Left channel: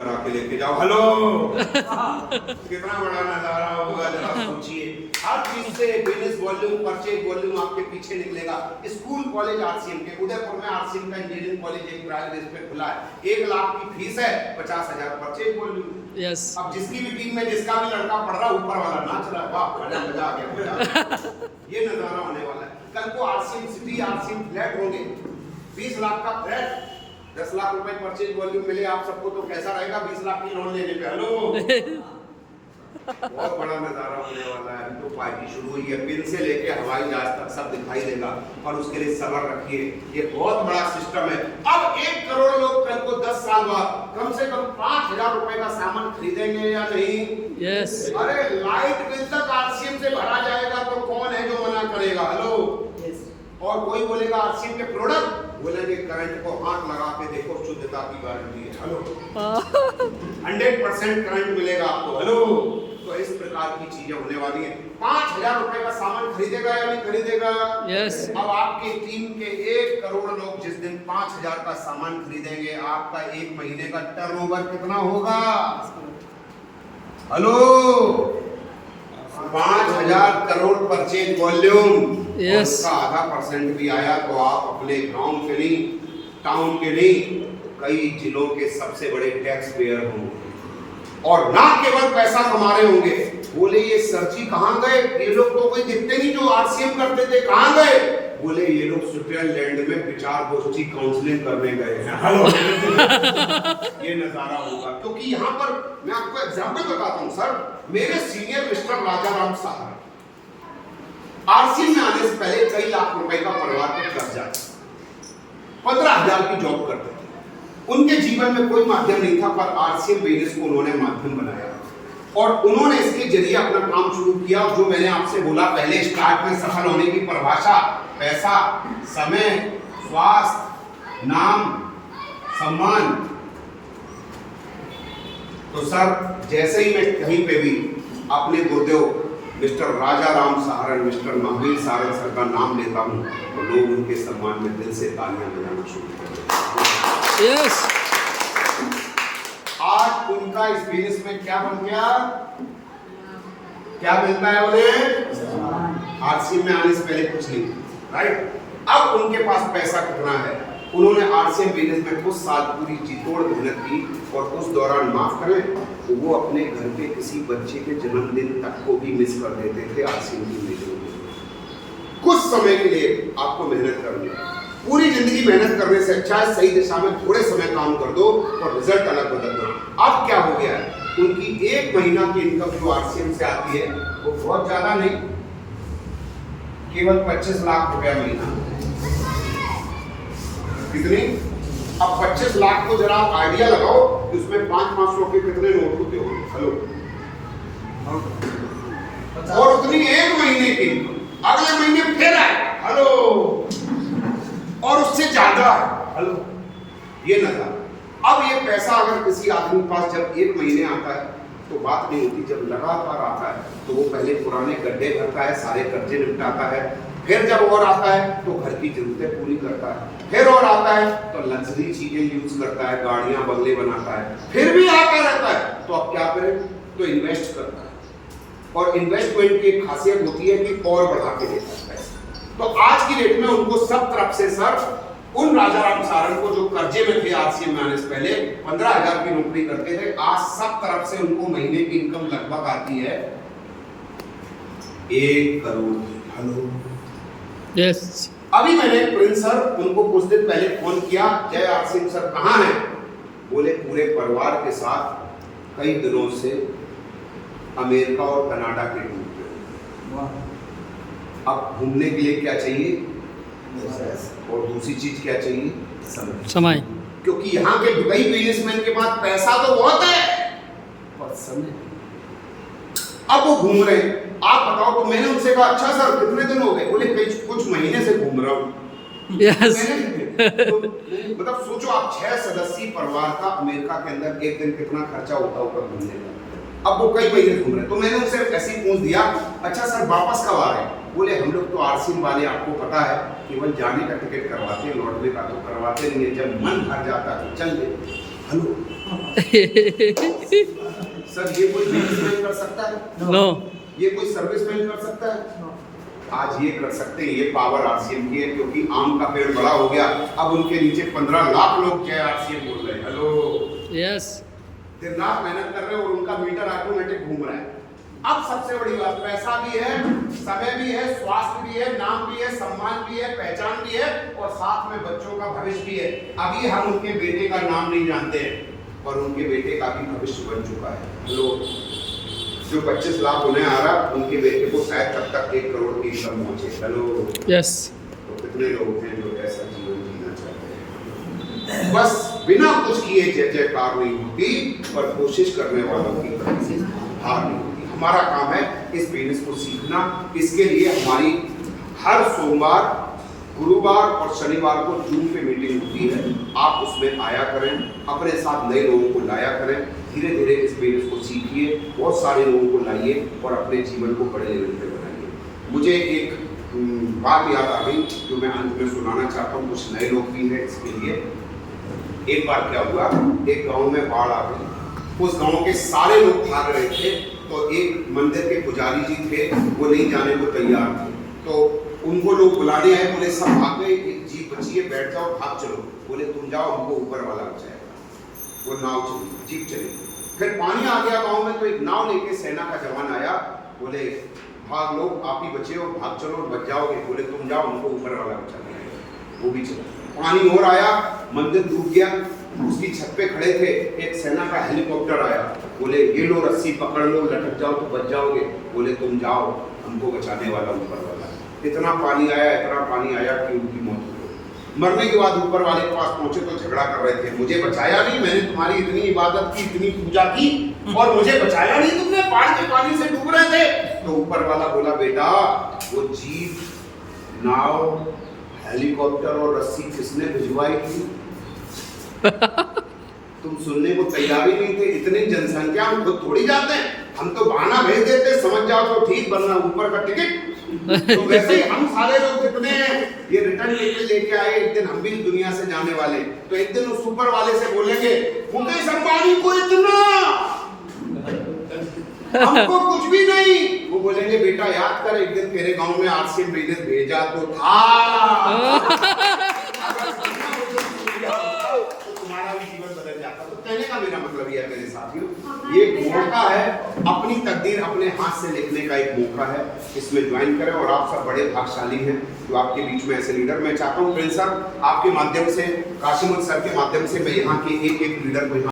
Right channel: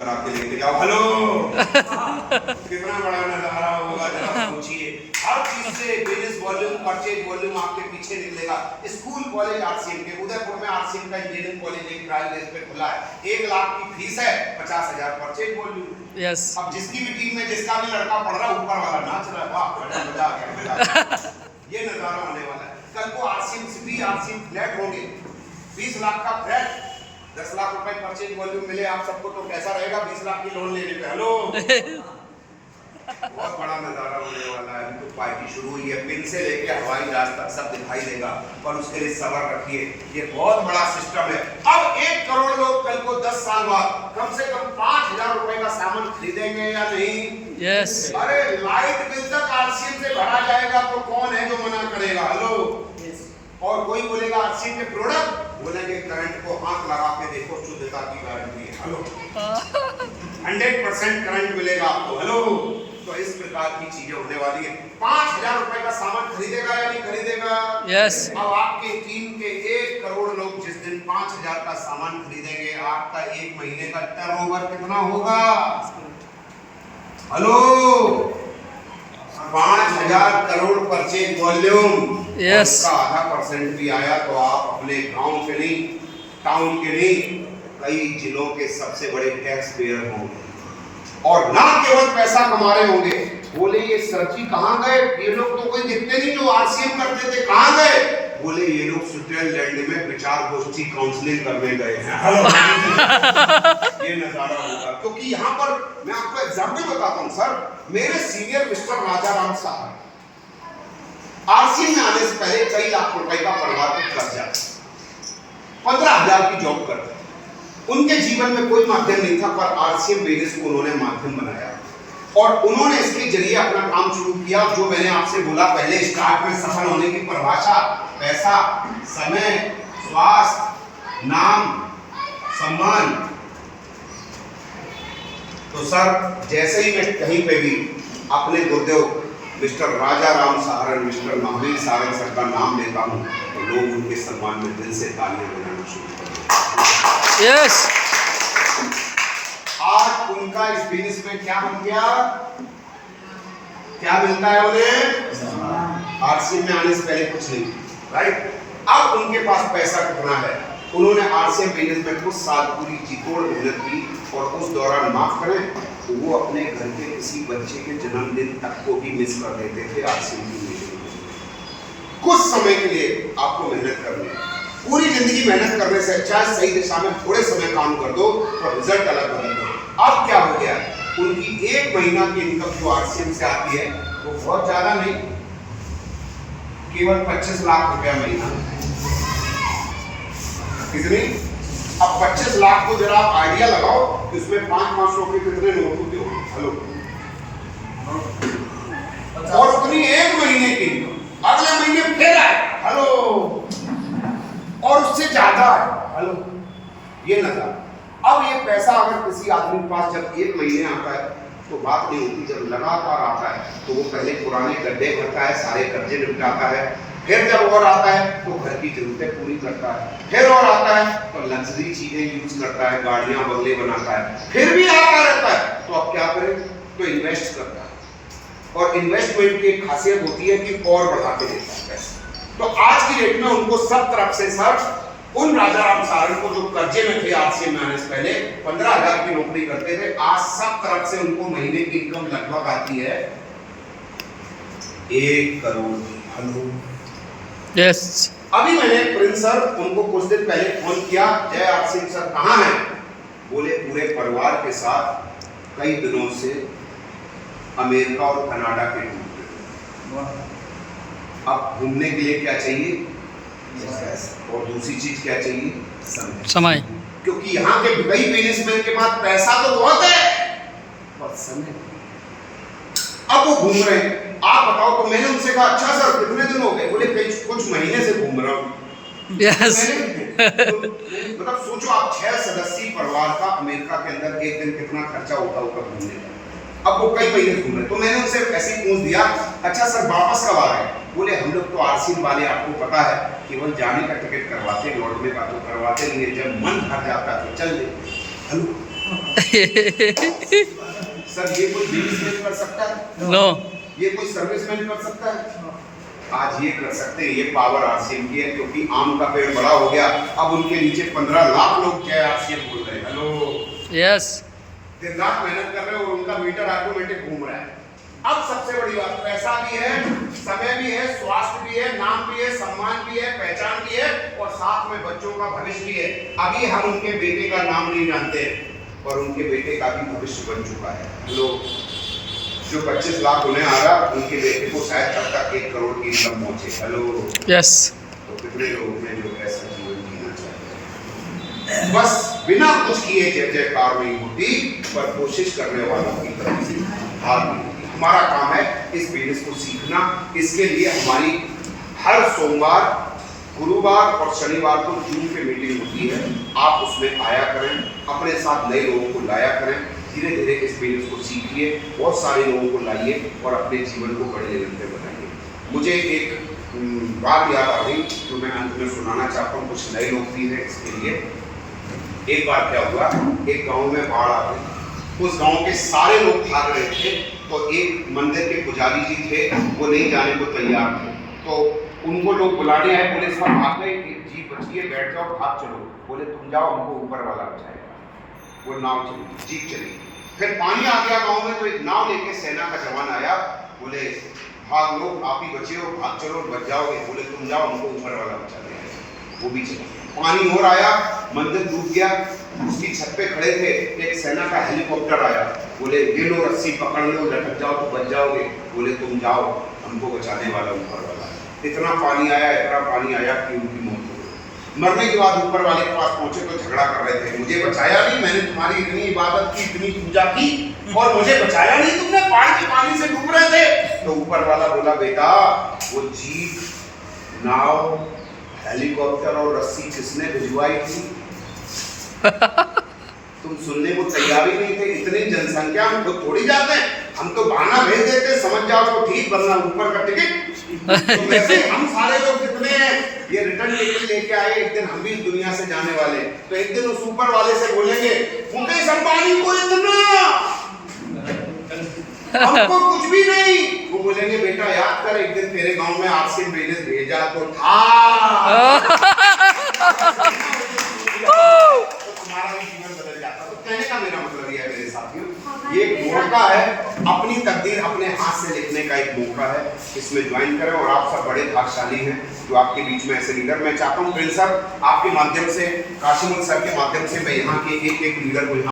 करा के लेके जाओ। हेलो कितना बड़ा नजारा होगा जरा सोचिए। हर चीज से बिजनेस वॉल्यूम, परचेज वॉल्यूम आपके पीछे निकलेगा। स्कूल कॉलेज आरसीएम के उदयपुर में आरसीएम का इंजीनियरिंग कॉलेज एक ट्रायल बेस पे खुला है। 1 लाख की फीस है, 50,000 परचेज वॉल्यूम। यस अब जिसकी भी टीम में जिसका भी लड़का पढ़ रहा ऊपर वाला नाच रहा है, वाह मजा आ गया। ये नजारा होने वाला है। कल को आरसीएम सिटी, आरसीएम फ्लैट होंगे। 20 लाख का फ्लैट, 10 लाख रुपए परचेज वॉल्यूम मिले आप सबको तो कैसा रहेगा 20 लाख की लोन लेने पे। हेलो बहुत बड़ा नजारा होने वाला है। तो पार्टी शुरू हुई है, पिन से लेके हवाई जहाज तक सब दिखाई देगा, पर उसके लिए सब्र रखिए। ये बहुत बड़ा सिस्टम है। अब 1 करोड़ लोग कल को 10 साल बाद कम से कम 5,000 रुपए का सामान खरीदेंगे या नहीं? यस अरे लाइट बिल तक आरसीएम से भरा जाएगा तो कौन है जो मना करेगा? हेलो और कोई बोलेगा आरसीएम के प्रोडक्ट, बोलेंगे करंट को हाथ लगा के देखो, शुद्धता की गारंटी है। हेलो 100% करंट मिलेगा आपको। हेलो तो इस प्रकार की चीजें होने वाली है। 5,000 रुपए का सामान खरीदेगा या नहीं खरीदेगा? यस अब आपके टीम के 1 करोड़ लोग जिस दिन 5,000 का सामान खरीदेंगे, आपका 1 महीने का टर्नओवर कितना होगा? Hello 5,000 crore purchase volume. Yes. उसका आधा % भी आया तो आप अपने गांव के नहीं, टाउन के नहीं, कई जिलों के सबसे बड़े टैक्स पेयर होंगे और ना केवल पैसा कमा रहे होंगे। बोले ये सर जी कहाँ गए? ये लोग तो कोई दिखते नहीं जो आरसीएम करते थे, कहाँ गए? बोले ये लोग स्विट्जरलैंड में विचार गोष्ठी काउंसलिंग करने गए हैं। हेलो ये नजारा होगा क्योंकि यहाँ पर मैं आपको एग्जाम्पल बताता हूँ। सर मेरे सीनियर मिस्टर राजाराम साहब आरसीएम में आने से पहले कई लाख रुपए का परिवार पे कर्जा, 15,000 की जॉब करते थे। उनके जीवन में कोई माध्यम नहीं था, पर आरसीएम बिजनेस को उन्होंने माध्यम बनाया और उन्होंने इसके जरिए अपना काम शुरू किया। जो मैंने आपसे बोला पहले स्टार्ट में, सफल होने की परिभाषा: पैसा, समय, स्वास्थ्य, नाम, सम्मान। तो सर जैसे ही मैं कहीं पे भी अपने गुरुदेव mister Rajaram Saran, mister Mahavir Saran sir का नाम लेता हूँ तो लोग उनके सम्मान में दिल से तालियां बजाना शुरू करते हैं। यस आज उनका इस बिजनेस में क्या बन गया? क्या मिलता है उन्हें? आरसीएम में आने से पहले कुछ नहीं, राइट? अब उनके पास पैसा कितना है? उन्होंने आरसीएम बिजनेस में कुछ साल पूरी जीतोड़ मेहनत की और उस दौरान माफ करें तो वो अपने घर के किसी बच्चे के जन्मदिन तक को भी मिस कर देते थे आरसीएम की मीटिंग में। कुछ समय के लिए आपको मेहनत करनी है। पूरी जिंदगी मेहनत करने से अच्छा है सही दिशा में थोड़े समय काम कर दो और रिजल्ट अलग बदल दो। अब क्या हो गया है? उनकी 1 महीना की इनकम जो आरसीएम से आती है वो बहुत ज्यादा नहीं, केवल 25 लाख रुपया महीना। कितनी? अब 25 लाख को जरा आप आइडिया लगाओ, इसमें 500 के कितने नोट होते हो? हेलो और उतनी 1 महीने की, अगले महीने फिर आए, हेलो और उससे ज्यादा है। हेलो ये नजर। अब ये पैसा अगर किसी आदमी के पास जब 1 महीने आता है तो बात नहीं होती, जब लगातार आता है तो वो पहले पुराने गड्ढे भरता है, सारे कर्जे निपटाता है, फिर जब और आता है तो घर की जरूरतें पूरी करता है, फिर और आता है तो लग्जरी चीजें यूज करता है, गाड़ियां बंगले बनाता है, फिर भी आता रहता है तो अब क्या करे? तो इन्वेस्ट करता है और इन्वेस्टमेंट की एक खासियत होती है कि और बढ़ा के देता है पैसा। तो आज की डेट में उनको सब तरफ से सर, उन राजाराम सारन को जो कर्जे में थे आरसीएम में आने से पहले 15,000 की नौकरी करते थे, आज सब तरफ से उनको महीने की इनकम लगभग आती है 1 करोड़ की। हेलो यस अभी मैंने प्रिंस सर उनको कुछ दिन पहले फोन किया, जय आरसीएम सर कहाँ हैं? बोले पूरे परिवार के साथ कई दिनों से अमेरिका और कनाडा के टूर पे। अब घूमने के लिए क्या चाहिए? और दूसरी चीज क्या चाहिए? समय। क्योंकि यहाँ के कई बिजनेसमैन के पास पैसा तो बहुत है पर समय। अब वो घूम रहे हैं। आप बताओ तो मैंने उनसे कहा अच्छा सर कितने दिन हो गए? बोले कुछ महीने से घूम रहा हूँ। यस मतलब सोचो आप 6 सदस्यीय परिवार का अमेरिका के अंदर एक दिन कितना खर्चा होता होगा घूमने का। अब वो कई महीने घूम रहे। तो मैंने उनसे ऐसे पूछ दिया अच्छा सर वापस कब आ रहे हैं? बोले हम लोग तो आरसीएम वाले आपको पता है केवल जाने का टिकट करवाते, लौटने का तो करवाते नहीं है, जब मन भर जाता है तो चल दे। हेलो सर ये कोई बिजनेसमैन कर सकता है? नो। ये कोई सर्विसमैन कर सकता है? आज ये कर सकते हैं। ये पावर आरसीएम की है, क्योंकि आम का पेड़ बड़ा हो गया। अब उनके नीचे 15 लाख लोग जय आरसीएम बोल रहे हैं। Hello, yes. दिन रात मेहनत कर रहे हैं और उनका मीटर ऑटोमेटिक घूम रहा है। अब सबसे बड़ी बात, पैसा भी है, समय भी है, स्वास्थ्य भी है, नाम भी है, सम्मान भी है, पहचान भी है, और साथ में बच्चों का भविष्य भी है। अभी हम उनके बेटे का नाम नहीं जानते हैं, पर उनके बेटे का भी भविष्य बन चुका है। हेलो, जो 25 लाख होने आ रहा, उनके बेटे को शायद तब तक 1 करोड़ की इनकम पहुंचे। Hello, yes. तो कितने लोग हैं जो ऐसा जीवन जीना चाहते हैं? बस बिना कुछ किए जय जयकार नहीं होती, पर कोशिश करने वालों की तरफ से हार नहीं होती। हमारा काम है इस बिजनेस को सीखना। इसके लिए हमारी हर सोमवार, गुरुवार और शनिवार को जूम पे मीटिंग होती है। आप उसमें आया करें, अपने साथ नए लोगों को लाया करें। धीरे धीरे इस बिजनेस को सीखिए, बहुत सारे लोगों को लाइए और अपने जीवन को बड़े लेवल पे बनाइए। मुझे एक बात याद आ गई जो मैं अंत में सुनाना चाहता हूँ। कुछ नए लोग भी हैं इसके लिए। एक बार क्या हुआ, एक गांव में बाढ़ आ गई। उस गांव के सारे लोग भाग रहे थे, तो एक मंदिर के पुजारी जी थे, वो नहीं जाने को तैयार थे। तो उनको लोग बुलाने आए, बोले सब भाग गए, जी बचिए, बैठ जाओ, भाग चलो। बोले तुम जाओ, हमको ऊपर वाला बचाएगा। वो नाव चली, जीप चली। फिर पानी आ गया गांव में, तो एक नाव लेके सेना का जवान आया। बोले भाग लो, आप ही बचे हो, भाग चलो, बच जाओगे। बोले तुम जाओ, हमको ऊपर वाला बचा देगा। वो भी चला। पानी और आया, मंदिर डूब गया। उसकी छत पे खड़े थे, एक सेना का हेलीकॉप्टर आया। बोले ये लो, रस्सी पकड़ लो, लटक जाओ तो बच जाओगे। बोले तुम जाओ, हमको बचाने वाला ऊपर वाला। इतना पानी आया कि उनकी मौत हो गई। मरने के बाद ऊपर वाले के पास पहुंचे तो झगड़ा कर रहे थे, मुझे बचाया नहीं, मैंने तुम्हारी इतनी इबादत की, इतनी पूजा की, और मुझे बचाया नहीं तुमने, बाढ़ के पानी से डूब रहे थे। तो ऊपर वाला बोला बेटा, वो जीप, नाव, हेलीकॉप्टर और रस्सी किसने भिजवाई थी? तुम सुनने को तैयार ही नहीं थे। इतनी जनसंख्या हम खुद थोड़ी जाते हैं, हम तो बहाना भेज देते, समझ जाओ तो ठीक, वरना ऊपर का टिकट। तो वैसे हम सारे लोग जितने हैं, ये रिटर्न टिकट लेके आए, एक दिन हम भी इस दुनिया से जाने वाले। तो एक दिन उस ऊपर वाले से बोलेंगे, मुकेश अंबानी को इतना, हमको कुछ भी नहीं। वो बोलेंगे बेटा याद कर, एक दिन तेरे गांव में आरसीएम बिजनेस भेजा तो था। तो तुम्हारा भी जीवन बदल जाता। तो कहने का मेरा मतलब यह है मेरे साथियों, ये एक मौका है, अपनी तकदीर अपने हाथ से लिखने का एक मौका है। इसमें ज्वाइन करें, और आप सब बड़े भाग्यशाली हैं जो आपके बीच में ऐसे लीडर। मैं चाहता हूँ प्रिंस सर, आपके माध्यम से, काशिमुल सर के माध्यम से, मैं यहाँ के एक लीडर को